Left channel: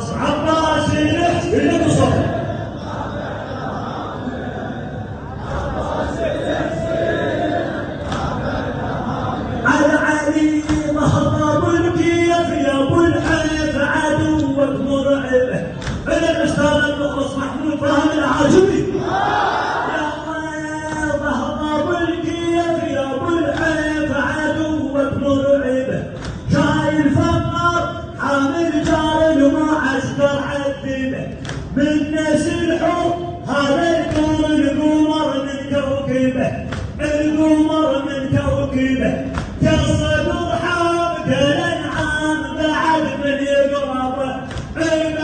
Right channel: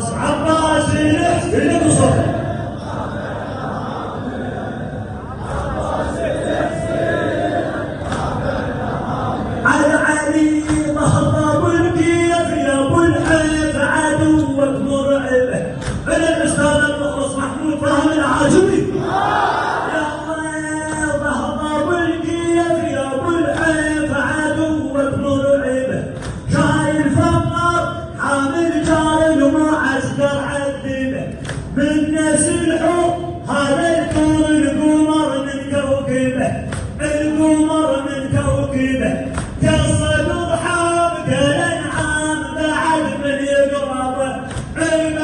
عباس اللي بصوته على علي ظهر والكيف يا ابو الحيف عدوك مرعبه الاستاذ المخلص محمود فهد العاشوري ظهر والكيف يا ابو الحيف عدوك مرعبه جاي الفقر حامل جار المعسكر عذبه من نسلحه هذا الدور القمر من كوكبه القمر من كوكبه قصدوا حرب الانعام بعد من يقربه بعد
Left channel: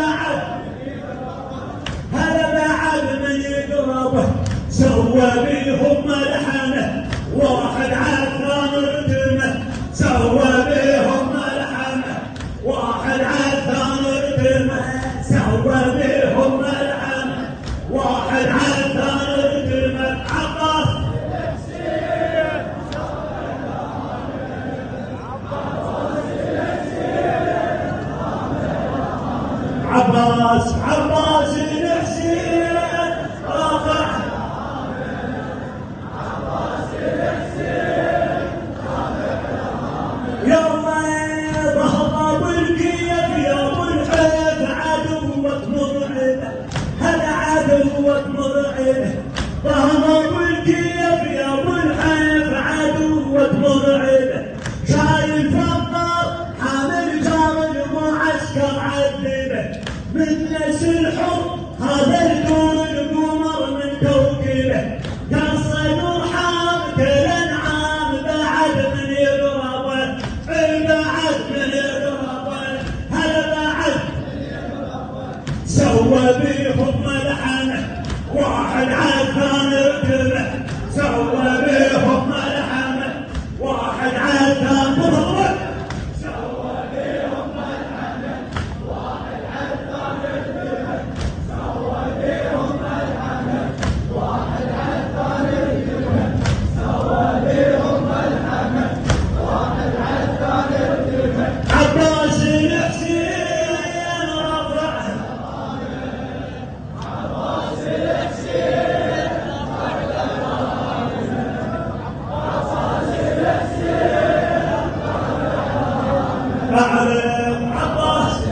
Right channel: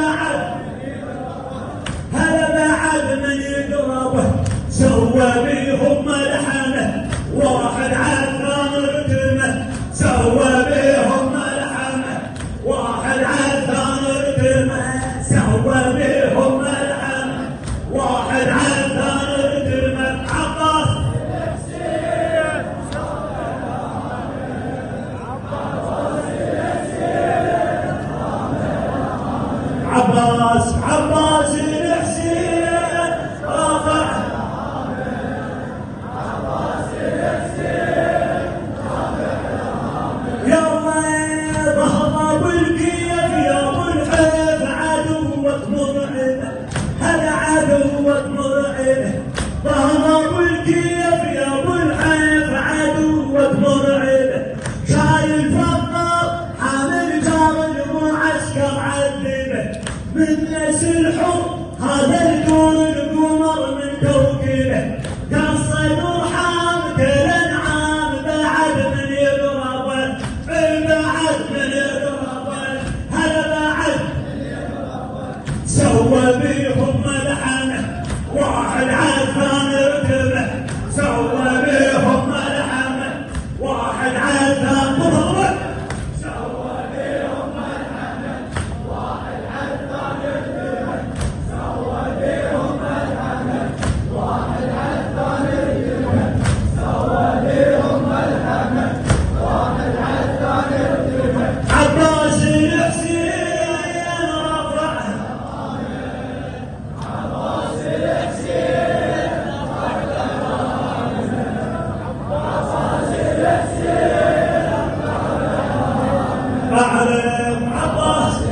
هذا بعد من يقربه سوى بيهم ملحمه واحد عثران ركمه سوى بيهم ملحمه واحد عثران ركمه سوى بيهم ملحمه واحد عثران ركمه عباس عباس الحسين رافع يلا ظهر بالكيف يا ابو الحيف عدوك مرعبه هذا عدوك مرعبه ظهر بالكيف يا ابو الحيف عدوك مرعبه شايل فقر حامل جار المعسكر عذبه من يسلحه هذا الدور القمر من كوكبه قصدوا حامد الانعام بعد من يقربه بعد من يقربه هذا بعد سوى بيهم ملحمه واحد عثران ركبه سوى بيهم ملحمه واحد عثران ركبه سوى بيهم ملحمه واحد عثران ركبه سوى بيهم ملحمه واحد عثران ركبه سوى بيهم ملحمه واحد عثران ركبه عباس الحسين رفع معلم عباس